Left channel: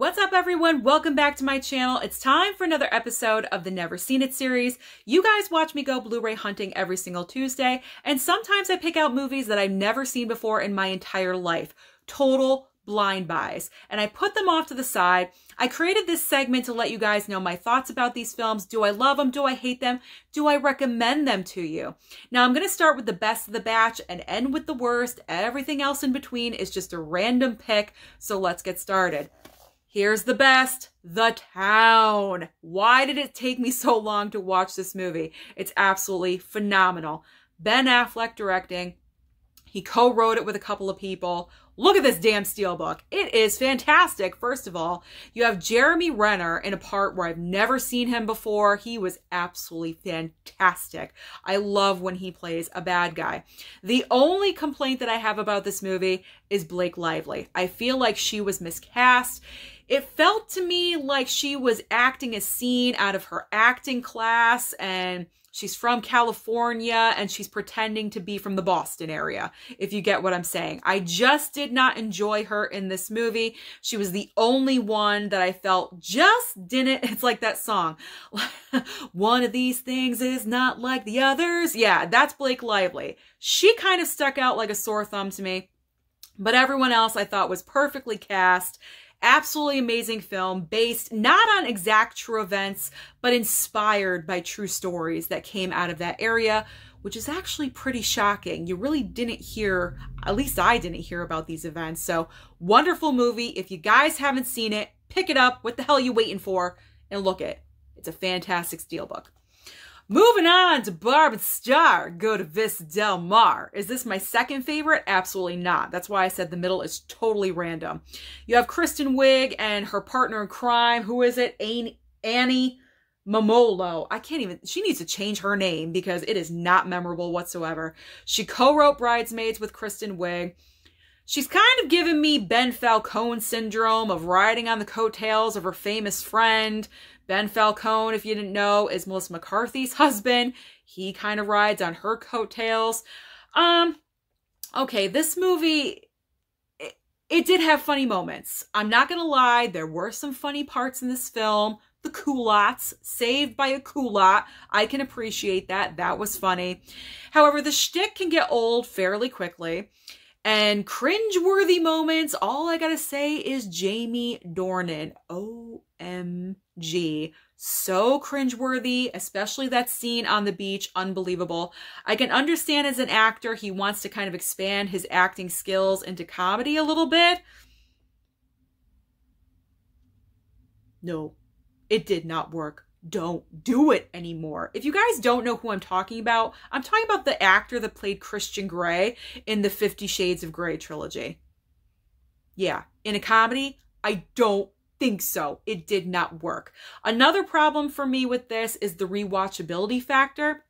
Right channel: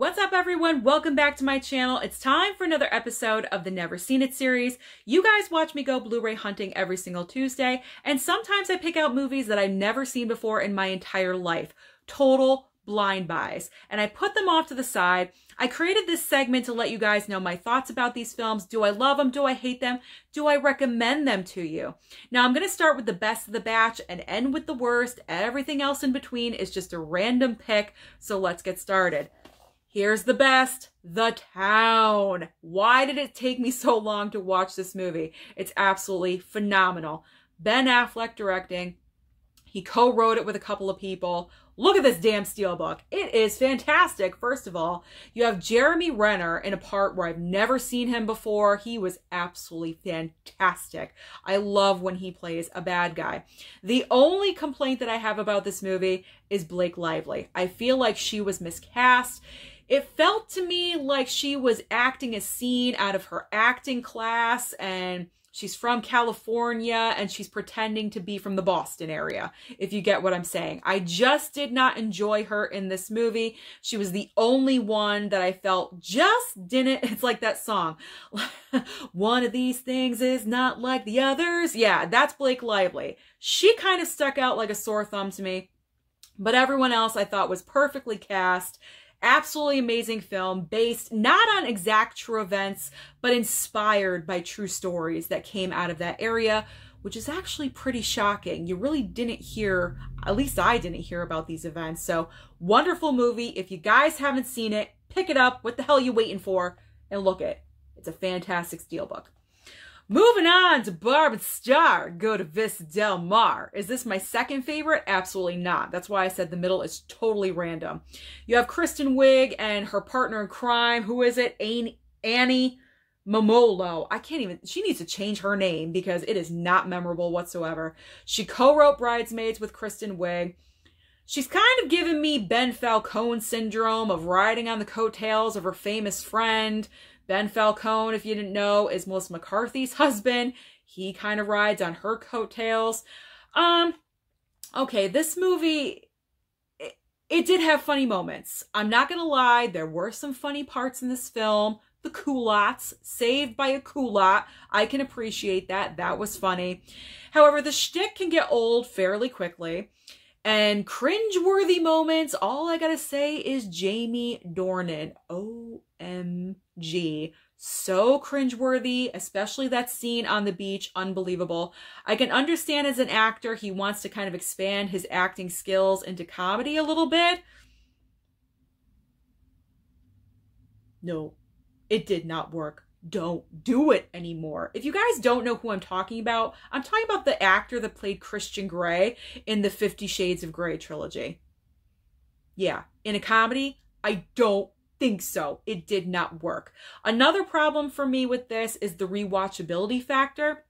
What's up, everyone? Welcome back to my channel. It's time for another episode of the Never Seen It series. You guys watch me go Blu-ray hunting every single Tuesday, and sometimes I pick out movies that I've never seen before in my entire life. Total blind buys. And I put them off to the side. I created this segment to let you guys know my thoughts about these films. Do I love them? Do I hate them? Do I recommend them to you? Now, I'm going to start with the best of the batch and end with the worst. Everything else in between is just a random pick, so let's get started. Here's the best, The Town. Why did it take me so long to watch this movie? It's absolutely phenomenal. Ben Affleck directing. He co-wrote it with a couple of people. Look at this damn steelbook. It is fantastic. First of all, you have Jeremy Renner in a part where I've never seen him before. He was absolutely fantastic. I love when he plays a bad guy. The only complaint that I have about this movie is Blake Lively. I feel like she was miscast. It felt to me like she was acting a scene out of her acting class, and she's from California and she's pretending to be from the Boston area, if you get what I'm saying. I just did not enjoy her in this movie. She was the only one that I felt just didn't, it's like that song. One of these things is not like the others. Yeah, that's Blake Lively. She kind of stuck out like a sore thumb to me, but everyone else I thought was perfectly cast. Absolutely amazing film based not on exact true events, but inspired by true stories that came out of that area, which is actually pretty shocking. You really didn't hear, at least I didn't hear about these events. So wonderful movie. If you guys haven't seen it, pick it up. What the hell are you waiting for? And look it. It's a fantastic steelbook. Moving on to Barb Star, Go to Vista Del Mar. Is this my second favorite? Absolutely not. That's why I said the middle is totally random. You have Kristen Wiig and her partner in crime. Who is it? Annie Momolo. I can't even, she needs to change her name because it is not memorable whatsoever. She co-wrote Bridesmaids with Kristen Wiig. She's kind of giving me Ben Falcone syndrome of riding on the coattails of her famous friend. Ben Falcone, if you didn't know, is Melissa McCarthy's husband. He kind of rides on her coattails. Okay, this movie, it did have funny moments. I'm not going to lie, there were some funny parts in this film. The culottes, saved by a culotte. I can appreciate that. That was funny. However, the shtick can get old fairly quickly. And cringe-worthy moments, all I gotta say is Jamie Dornan. OMG. So cringe-worthy, especially that scene on the beach. Unbelievable. I can understand as an actor, he wants to kind of expand his acting skills into comedy a little bit. No, it did not work. Don't do it anymore. If you guys don't know who I'm talking about the actor that played Christian Grey in the 50 Shades of Grey trilogy. Yeah, in a comedy, I don't think so. It did not work. Another problem for me with this is the rewatchability factor.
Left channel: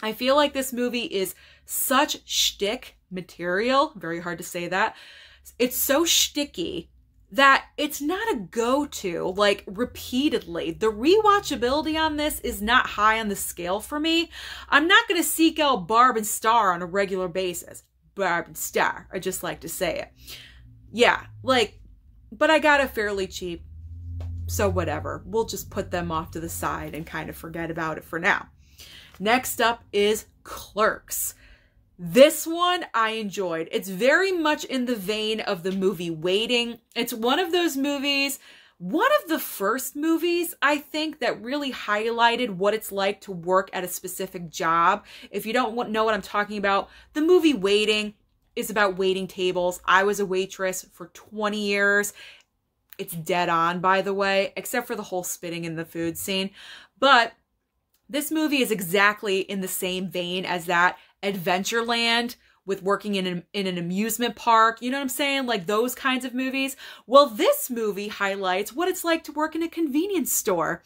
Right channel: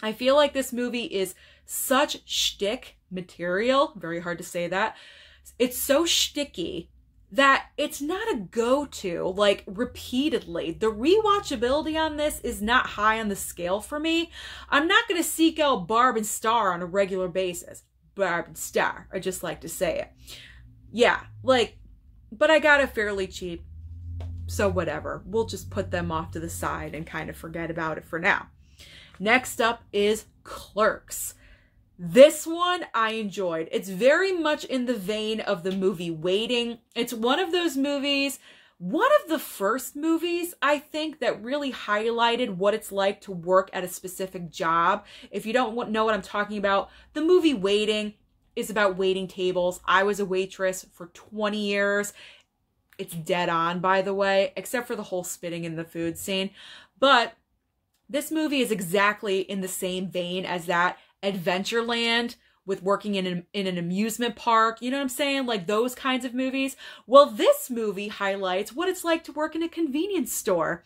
I feel like this movie is such shtick material. Very hard to say that. It's so shticky that it's not a go-to, like, repeatedly. The rewatchability on this is not high on the scale for me. I'm not going to seek out Barb Star on a regular basis. Barb Star, I just like to say it. Yeah, like, but I got it fairly cheap, so whatever. We'll just put them off to the side and kind of forget about it for now. Next up is Clerks. This one I enjoyed. It's very much in the vein of the movie Waiting. It's one of those movies, one of the first movies, I think, that really highlighted what it's like to work at a specific job. If you don't know what I'm talking about, the movie Waiting is about waiting tables. I was a waitress for 20 years. It's dead on, by the way, except for the whole spitting in the food scene. But this movie is exactly in the same vein as that. Adventureland with working in an amusement park. You know what I'm saying? Like those kinds of movies. Well, this movie highlights what it's like to work in a convenience store.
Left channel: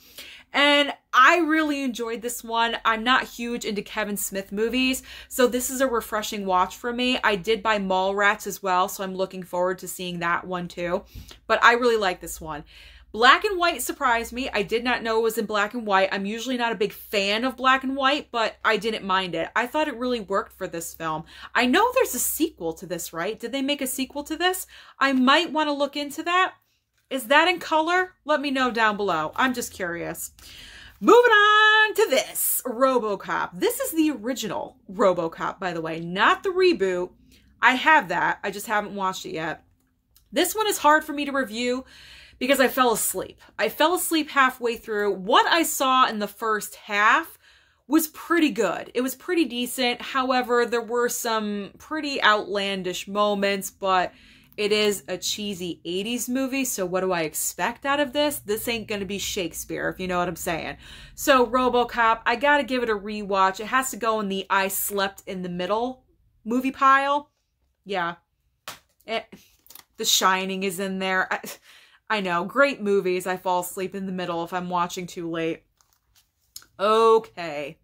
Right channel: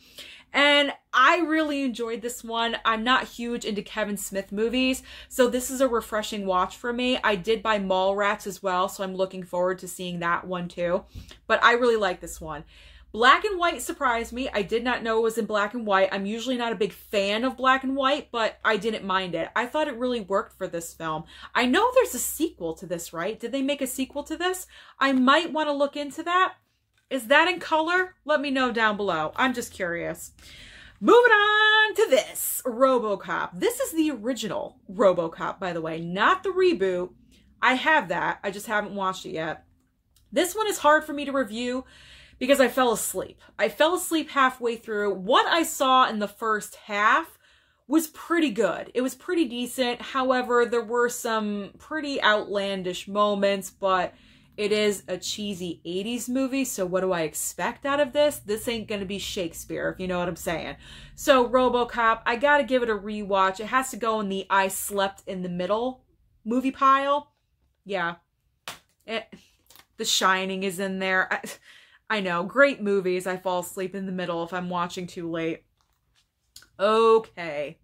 And I really enjoyed this one. I'm not huge into Kevin Smith movies, so this is a refreshing watch for me. I did buy Mallrats as well, so I'm looking forward to seeing that one too. But I really like this one. Black and white surprised me. I did not know it was in black and white. I'm usually not a big fan of black and white, but I didn't mind it. I thought it really worked for this film. I know there's a sequel to this, right? Did they make a sequel to this? I might want to look into that. Is that in color? Let me know down below. I'm just curious. Moving on to this, Robocop. This is the original Robocop, by the way, not the reboot. I have that. I just haven't watched it yet. This one is hard for me to review because I fell asleep. I fell asleep halfway through. What I saw in the first half was pretty good. It was pretty decent. However, there were some pretty outlandish moments, but it is a cheesy 80s movie, so what do I expect out of this? This ain't gonna be Shakespeare, if you know what I'm saying. So, Robocop, I gotta give it a rewatch. It has to go in the I slept in the middle movie pile. Yeah. The Shining is in there. I know, great movies. I fall asleep in the middle if I'm watching too late. Okay.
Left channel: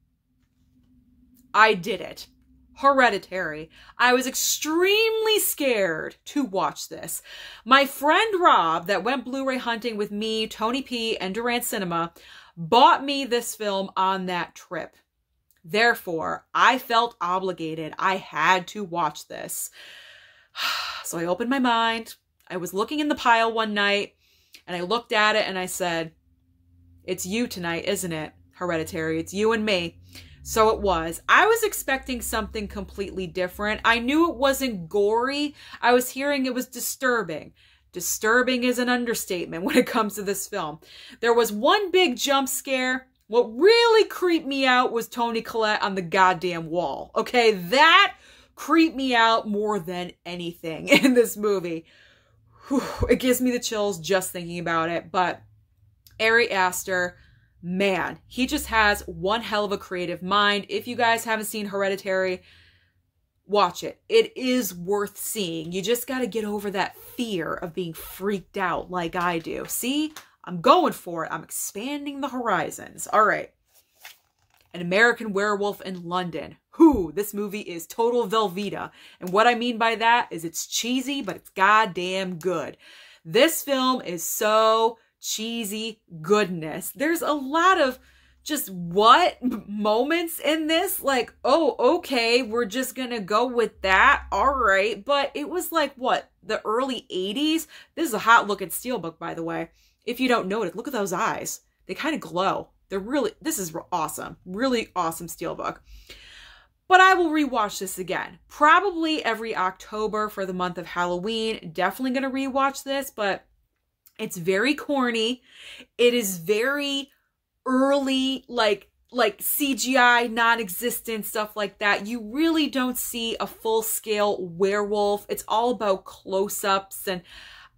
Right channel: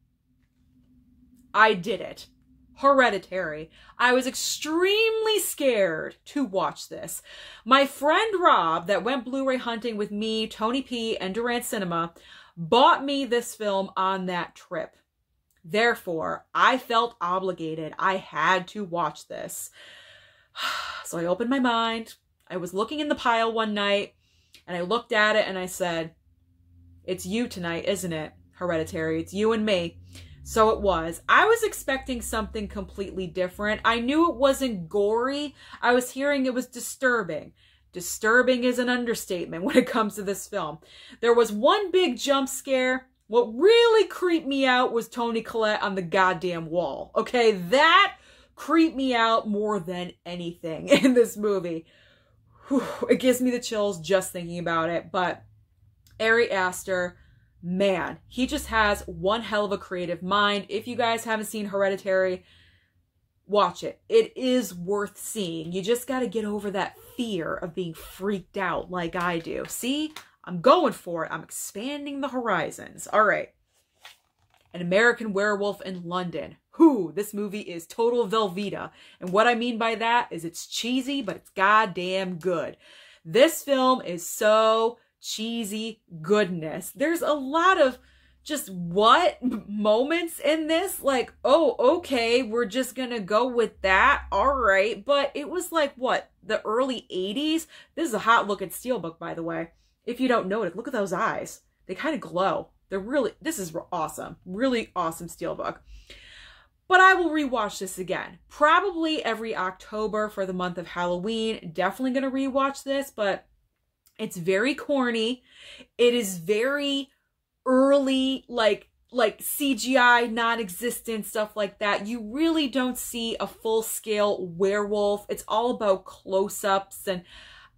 I did it. Hereditary. I was extremely scared to watch this. My friend Rob, that went Blu-ray hunting with me, Tony P, and Durant Cinema, bought me this film on that trip. Therefore, I felt obligated. I had to watch this. So I opened my mind. I was looking in the pile one night, and I looked at it and I said, "It's you tonight, isn't it? Hereditary. It's you and me." So it was. I was expecting something completely different. I knew it wasn't gory. I was hearing it was disturbing. Disturbing is an understatement when it comes to this film. There was one big jump scare. What really creeped me out was Toni Collette on the goddamn wall. Okay, that creeped me out more than anything in this movie. Whew, it gives me the chills just thinking about it. But Ari Aster, man, he just has one hell of a creative mind. If you guys haven't seen Hereditary, watch it. It is worth seeing. You just got to get over that fear of being freaked out like I do. See, I'm going for it. I'm expanding the horizons. All right. An American Werewolf in London. This movie is total Velveeta. And what I mean by that is it's cheesy, but it's goddamn good. This film is so cheesy goodness. There's a lot of just what moments in this, like, oh, okay, we're just gonna go with that, all right. But it was like, what, the early 80s? This is a hot looking steelbook, by the way. If you don't know it, look at those eyes. They kind of glow. They're really, this is awesome. Really awesome steelbook. But I will rewatch this again. Probably every October for the month of Halloween. Definitely gonna rewatch this, but it's very corny. It is very early, like CGI, non-existent, stuff like that. You really don't see a full-scale werewolf. It's all about close-ups and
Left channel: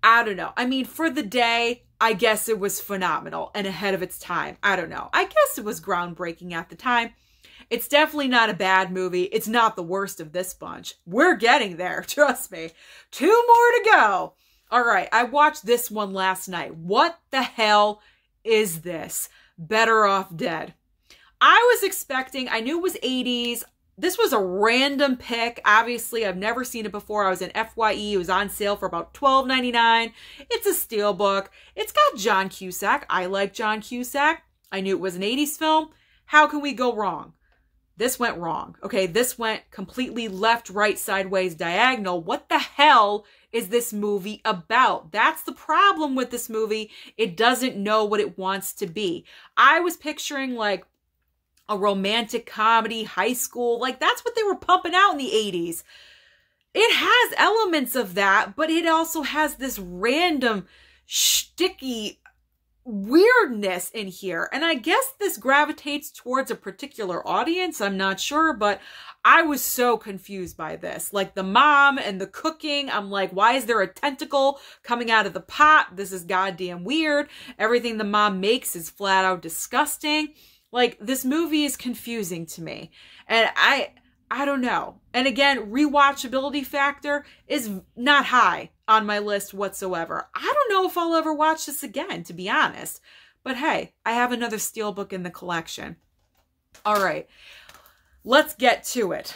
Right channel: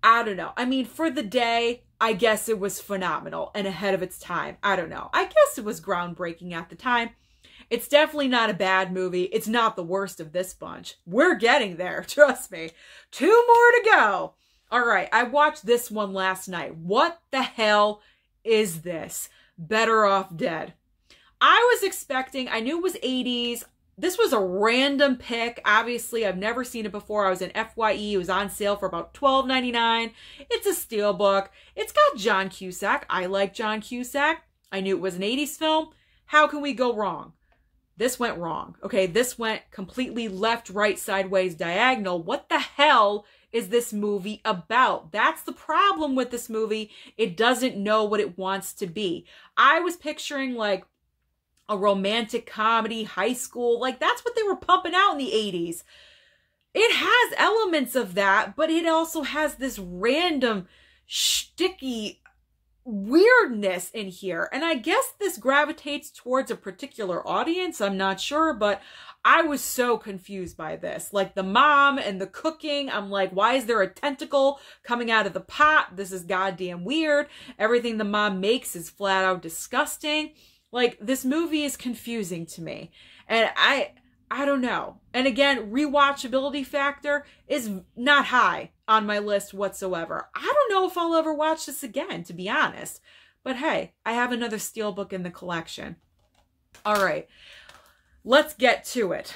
I don't know. I mean, for the day, I guess it was phenomenal and ahead of its time. I don't know. I guess it was groundbreaking at the time. It's definitely not a bad movie. It's not the worst of this bunch. We're getting there, trust me. 2 more to go. All right, I watched this one last night. What the hell is this? Better Off Dead. I was expecting, I knew it was 80s. This was a random pick. Obviously, I've never seen it before. I was in FYE. It was on sale for about $12.99. It's a steelbook. It's got John Cusack. I like John Cusack. I knew it was an 80s film. How can we go wrong? This went wrong. Okay, this went completely left, right, sideways, diagonal. What the hell is this movie about? That's the problem with this movie. It doesn't know what it wants to be. I was picturing like a romantic comedy, high school. Like that's what they were pumping out in the 80s. It has elements of that, but it also has this random shticky weirdness in here. And I guess this gravitates towards a particular audience. I'm not sure, but I was so confused by this. Like the mom and the cooking, I'm like, why is there a tentacle coming out of the pot? This is goddamn weird. Everything the mom makes is flat out disgusting. Like this movie is confusing to me. And I don't know. And again, rewatchability factor is not high on my list whatsoever. I don't know if I'll ever watch this again, to be honest. But hey, I have another steelbook in the collection. All right. Let's get to it.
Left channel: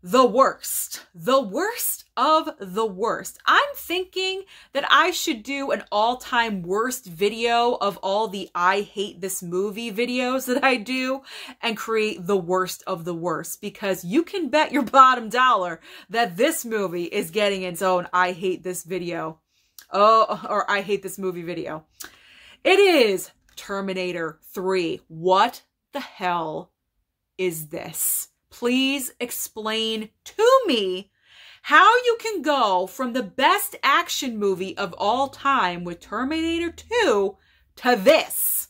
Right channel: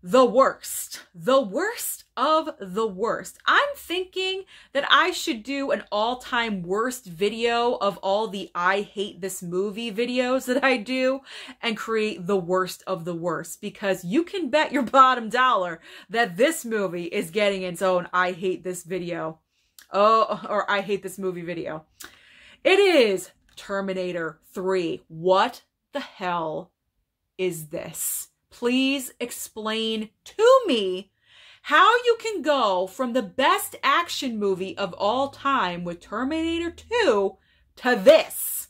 The worst. The worst of the worst. I'm thinking that I should do an all-time worst video of all the I hate this movie videos that I do and create the worst of the worst, because you can bet your bottom dollar that this movie is getting its own I hate this video. Oh, or I hate this movie video. It is Terminator 3. What the hell is this? Please explain to me how you can go from the best action movie of all time with Terminator 2 to this.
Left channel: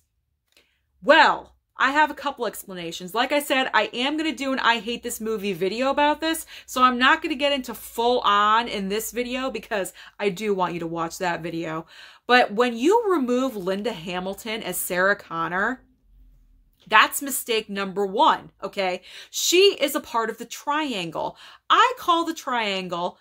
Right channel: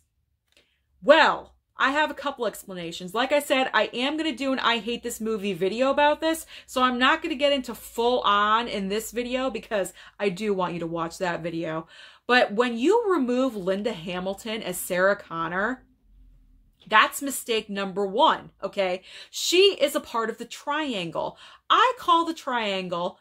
Well, I have a couple explanations. Like I said, I am going to do an I hate this movie video about this, so I'm not going to get into full on in this video because I do want you to watch that video. But when you remove Linda Hamilton as Sarah Connor, that's mistake number one, okay? She is a part of the triangle. I call the triangle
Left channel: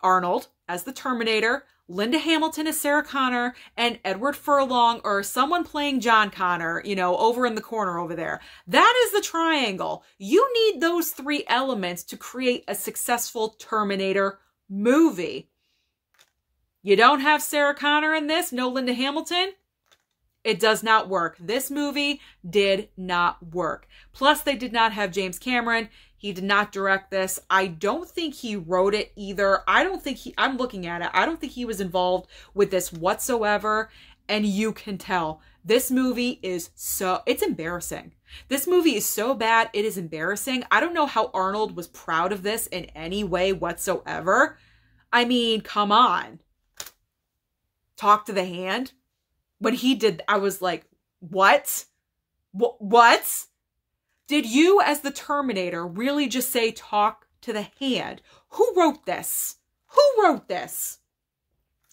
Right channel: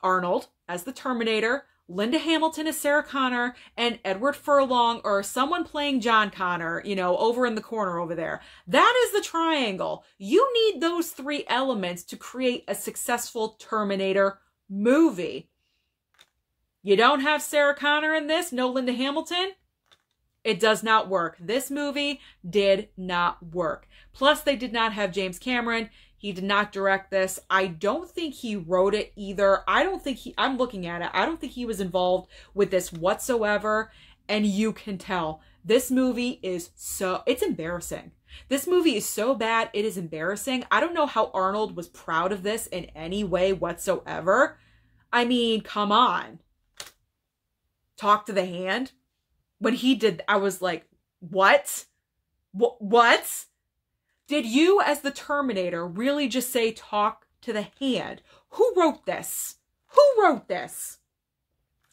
Arnold as the Terminator, Linda Hamilton as Sarah Connor, and Edward Furlong or someone playing John Connor, you know, over in the corner over there. That is the triangle. You need those three elements to create a successful Terminator movie. You don't have Sarah Connor in this, no Linda Hamilton? It does not work. This movie did not work. Plus, they did not have James Cameron. He did not direct this. I don't think he wrote it either. I'm looking at it. I don't think he was involved with this whatsoever. And you can tell this movie is it's embarrassing. This movie is so bad, it is embarrassing. I don't know how Arnold was proud of this in any way whatsoever. I mean, come on. Talk to the hand. When he did, I was like, what? What? Did you, as the Terminator, really just say talk to the hand? Who wrote this? Who wrote this?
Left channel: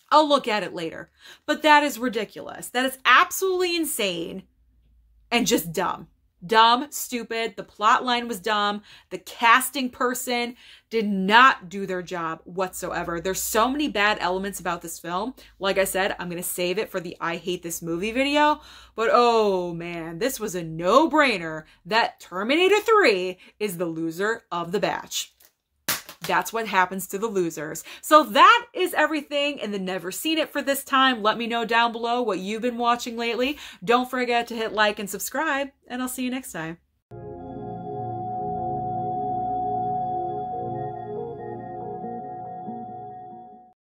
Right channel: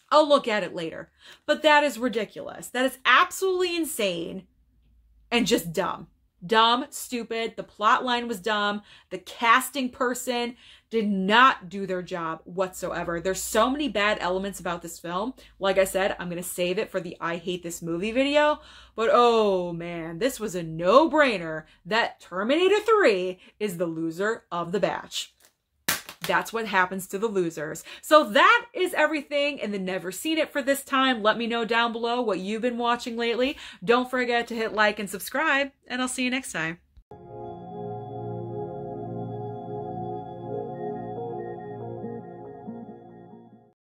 I'll look at it later. But that is ridiculous. That is absolutely insane and just dumb. Dumb, stupid. The plot line was dumb. The casting person did not do their job whatsoever. There's so many bad elements about this film. Like I said, I'm going to save it for the I hate this movie video. But oh man, this was a no-brainer that Terminator 3 is the loser of the batch. That's what happens to the losers. So that is everything in the Never Seen It for this time. Let me know down below what you've been watching lately. Don't forget to hit like and subscribe, and I'll see you next time.